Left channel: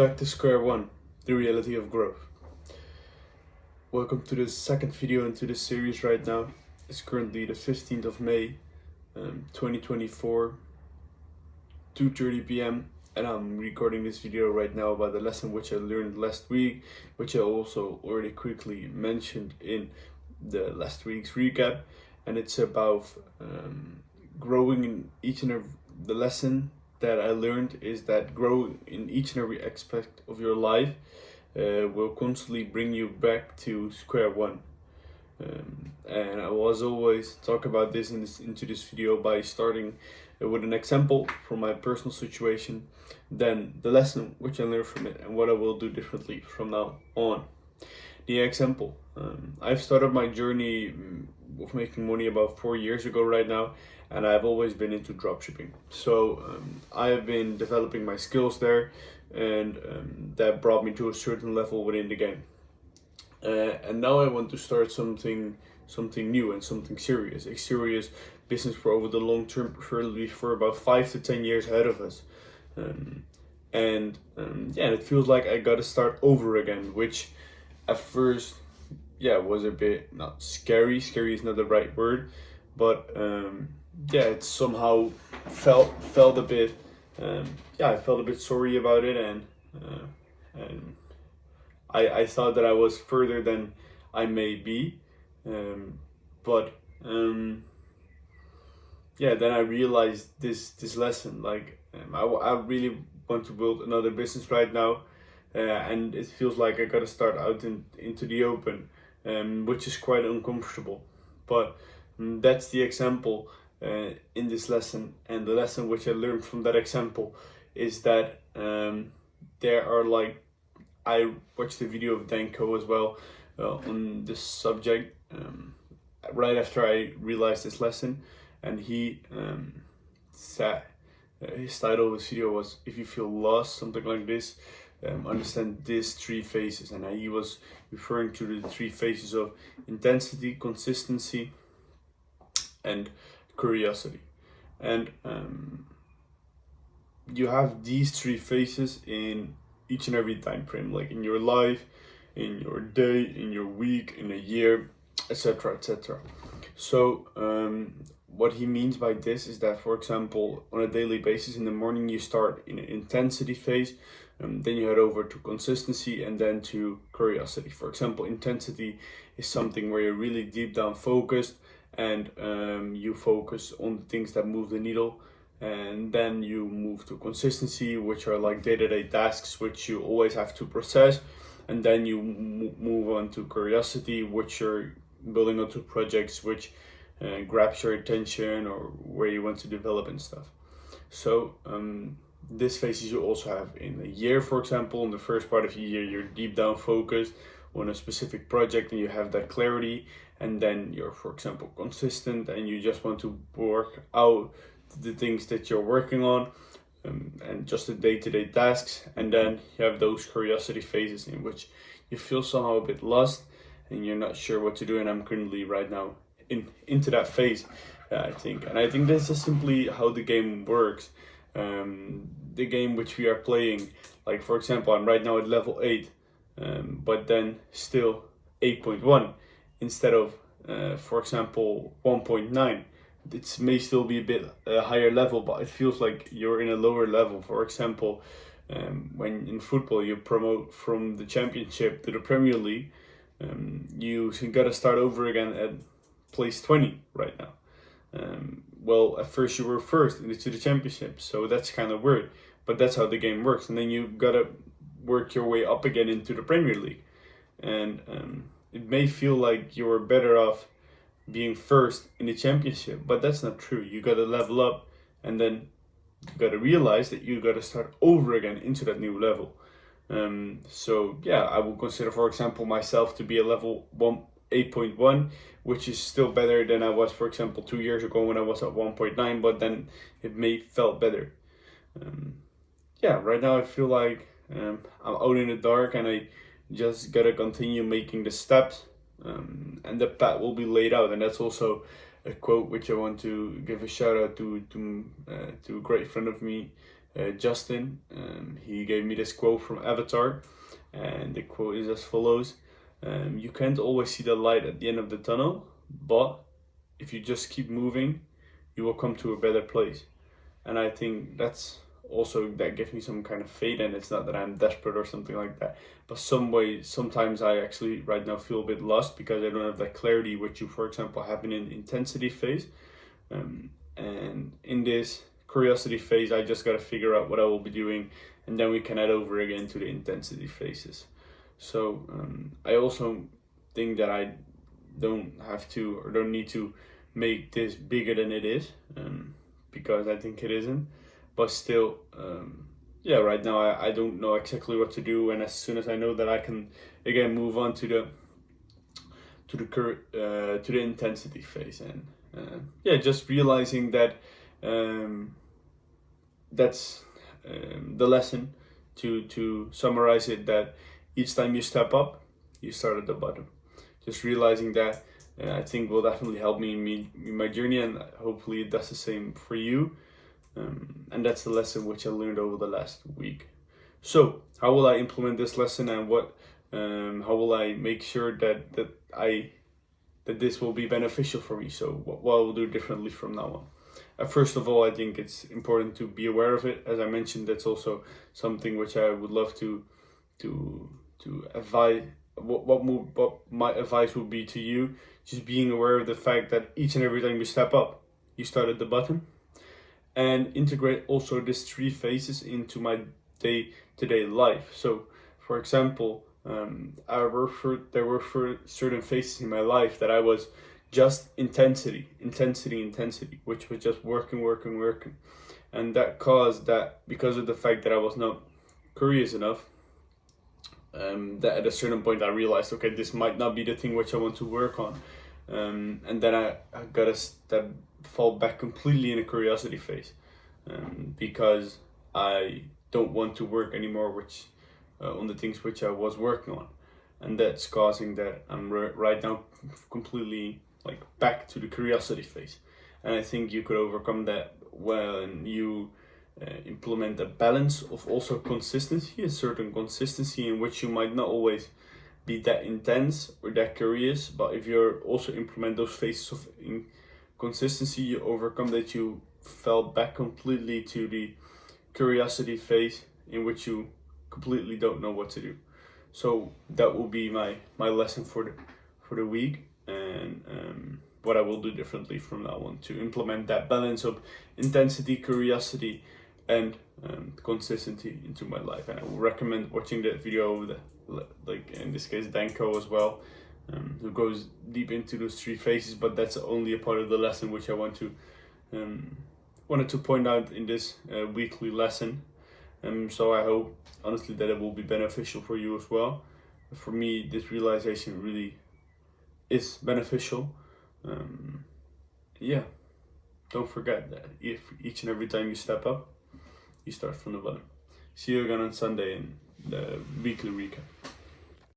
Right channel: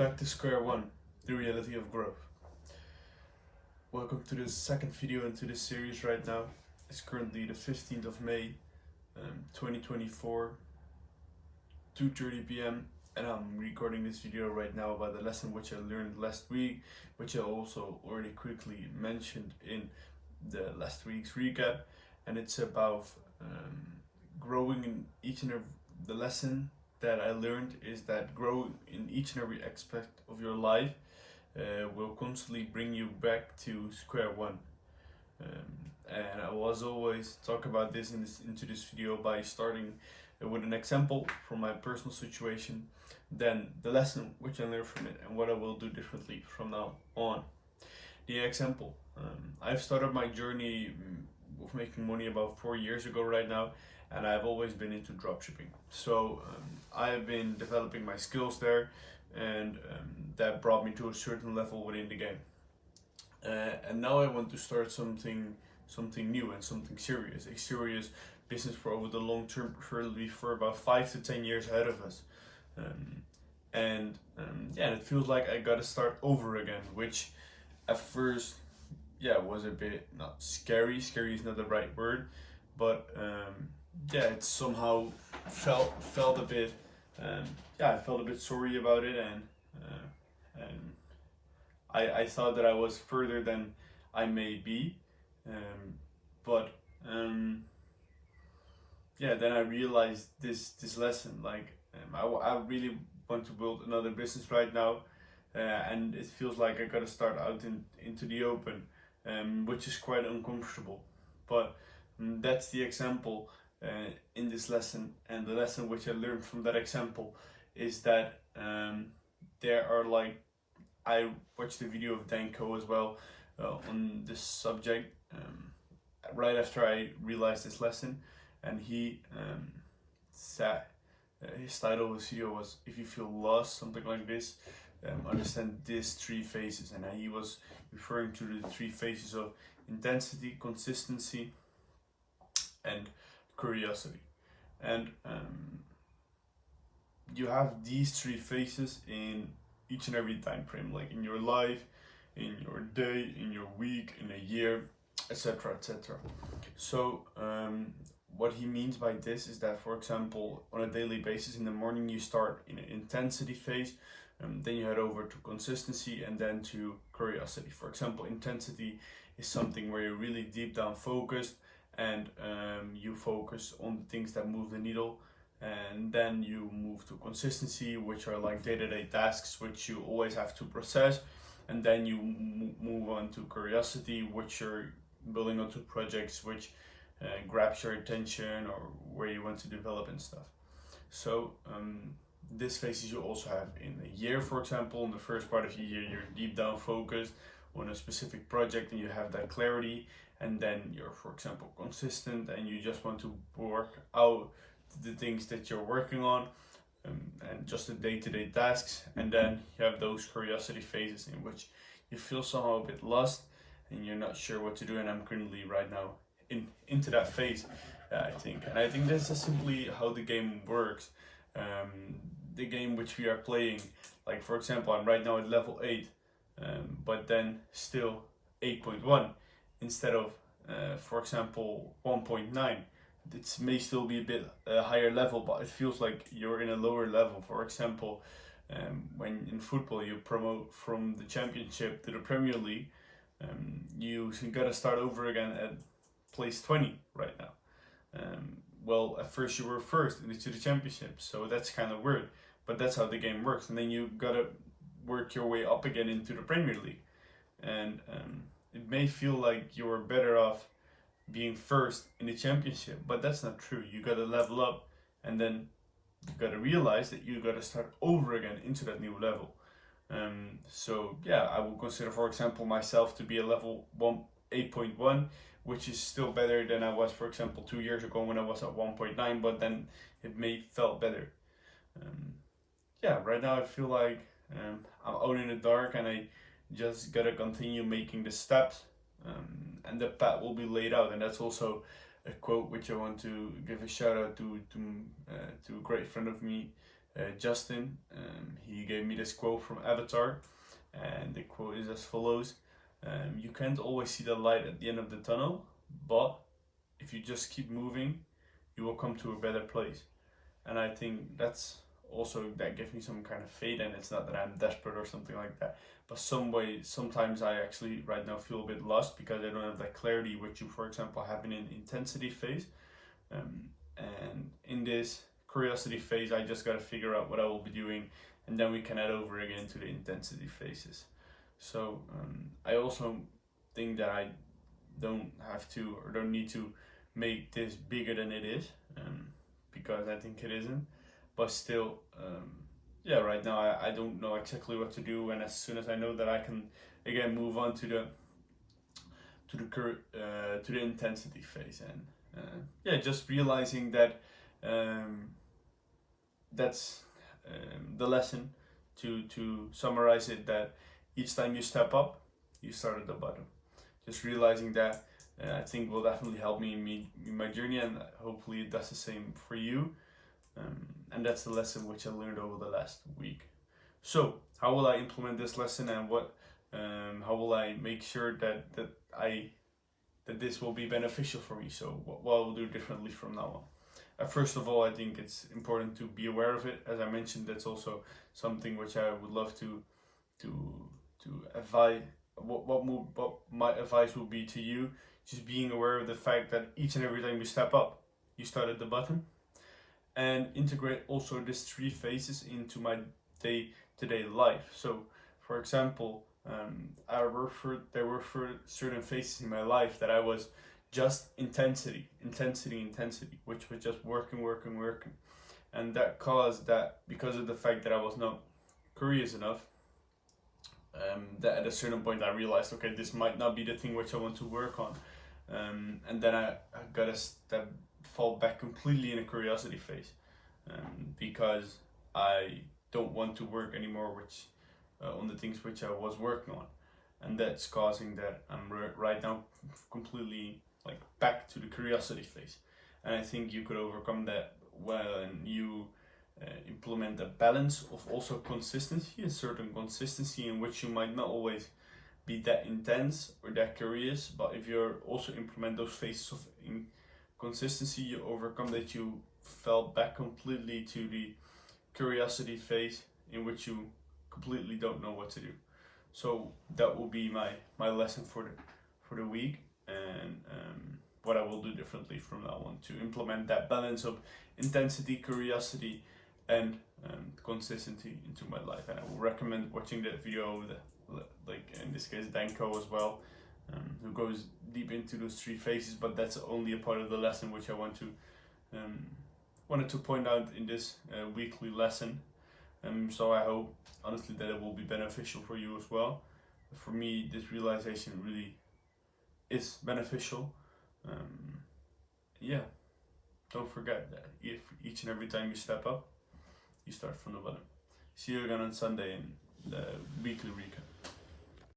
Back to square one, the reality of growth. Welcome to the second video into this series right now. It's currently the 15th of May, 2024, 2:30 p.m. and I'm recording this video right now about the lesson which I learned last week, which I also already quickly mentioned in the last week's recap, and it's about growing in each and every the lesson that I learned is that growing in each and every aspect of your life will constantly bring you back to square one. And I will, as always, talk about this into this video by starting with an example from my personal situation, then the lesson which I learned from it and what I will do differently from now on. The example, I've started my journey of making money about 4 years ago right now, and I've always been into dropshipping. So I have been developing my skills there, and that brought me to a certain level within the game. And now I want to start something new and something serious, a serious business for over the long term, preferably for about 5 to 10 years ahead of us. And it feels like I gotta start over again, which at first, was a bit not scary. Scary is not the right word, but it somehow felt a bit. I felt a bit sorry about it, and I thought that I was further than I may be, but then I realized this lesson. Like I really want to build another business right now, and it feels like I gotta start out into the open, which is quite uncomfortable. But that's the example in this lesson, and the lesson which I learned from that example is that there are I watched the video of Danko as well on this subject right after I realized this lesson, and he said his title of his video was "If you feel lost," something like this. Understand these three phases, and he was referring to the three phases of intensity, consistency, and curiosity. And you have these three phases in each and every time frame, like in your life, in your day, in your week, in a year, etc., etc. So what he means by this is that, for example, on a daily basis, in the morning you start in an intensity phase, then you head over to consistency, and then to curiosity. For example, intensity is something where you're really deep down focused, and you focus on the things that move the needle. And then you move to consistency, which are like day-to-day tasks which you always have to process. And then you move on to curiosity, which you're building onto projects which grabs your attention or where you want to develop and stuff. So this phases you also have in a year. For example, in the first part of the year, you're deep down focused on a specific project and you have that clarity. And then you're, for example, consistent and you just want to work out the things that you're working on, and just the day-to-day tasks. And then you have those curiosity phases in which you feel somehow a bit lost and you're not sure what to do. And I'm currently right now into that phase, I think. And I think this is simply how the game works. The game which we are playing, like for example, I'm right now at level 8, but then still 8.1 instead of, for example, 1.9. It may still be a bit higher level, but it feels like you're in a lower level. For example, when in football you promote from the championship to the Premier League, you gotta start over again at place 20 right now. Well, at first you were first into the championship, so that's kind of weird, but that's how the game works. And then you gotta work your way up again into the Premier League, and it may feel like you're better off being first in the championship, but that's not true. You gotta level up, and then you gotta realize that you gotta start over again into that new level. I would consider, for example, myself to be a level 8.1, which is still better than I was, for example, 2 years ago when I was at 1.9, but then it may felt better. Right now I feel like I'm out in the dark, and I just gotta continue making the steps, and the path will be laid out. And that's also a quote which I want to give a shout out to a great friend of me Justin. He gave me this quote from Avatar, and the quote is as follows: "You can't always see the light at the end of the tunnel, but if you just keep moving, you will come to a better place." And I think that gives me some kind of faith, and it's not that I'm desperate or something like that, but sometimes I actually right now feel a bit lost because I don't have that clarity which you, for example, have in an intensity phase. And in this curiosity phase, I just got to figure out what I will be doing, and then we can head over again to the intensity phases. So I also think that I don't have to or don't need to make this bigger than it is, because I think it isn't. But still, right now I don't know exactly what to do, and as soon as I know that I can again move on to the intensity phase, and just realizing that that's the lesson. To summarize it, that each time you step up, you start at the bottom. Just realizing that, I think, will definitely help me in my journey, and hopefully it does the same for you. And that's the lesson which I learned over the last week. So how will I implement this lesson, and how will I make sure that this will be beneficial for me? So what I will do differently from now on. First of all, I think it's important to be aware of it. As I mentioned, that's also something which I would love to advise. What my advice would be to you: just being aware of the fact that each and every time you step up, you start at the bottom. And integrate also these 3 phases into my day-to-day life. So, for example, there were certain phases in my life that I was just intensity, which was just working, and that caused that, because of the fact that I was not curious enough, that at a certain point I realized, okay, this might not be the thing which I want to work on, and then I got to fall back completely in a curiosity phase, because I don't want to work anymore on the things which I was working on, and that's causing that I'm right now completely back to the curiosity phase. And I think you could overcome that when you implement a balance of also consistency, a certain consistency in which you might not always be that intense or that curious, but if you also implement those phases of consistency, you overcome that you fell back completely to the curiosity phase, in which you completely don't know what to do. So that will be my lesson for the week, and what I will do differently from now on to implement that balance of intensity, curiosity, and consistency into my life. And I will recommend watching that video of in this case Danko as well, who goes deep into those 3 phases, but that's only a part of the lesson which I wanted to point out in this weekly lesson. So I hope honestly that it will be beneficial for you as well. For me, this realization really is beneficial. Don't forget that if each and every time you step up, you start from the bottom. See you again on Sunday in the weekly recap.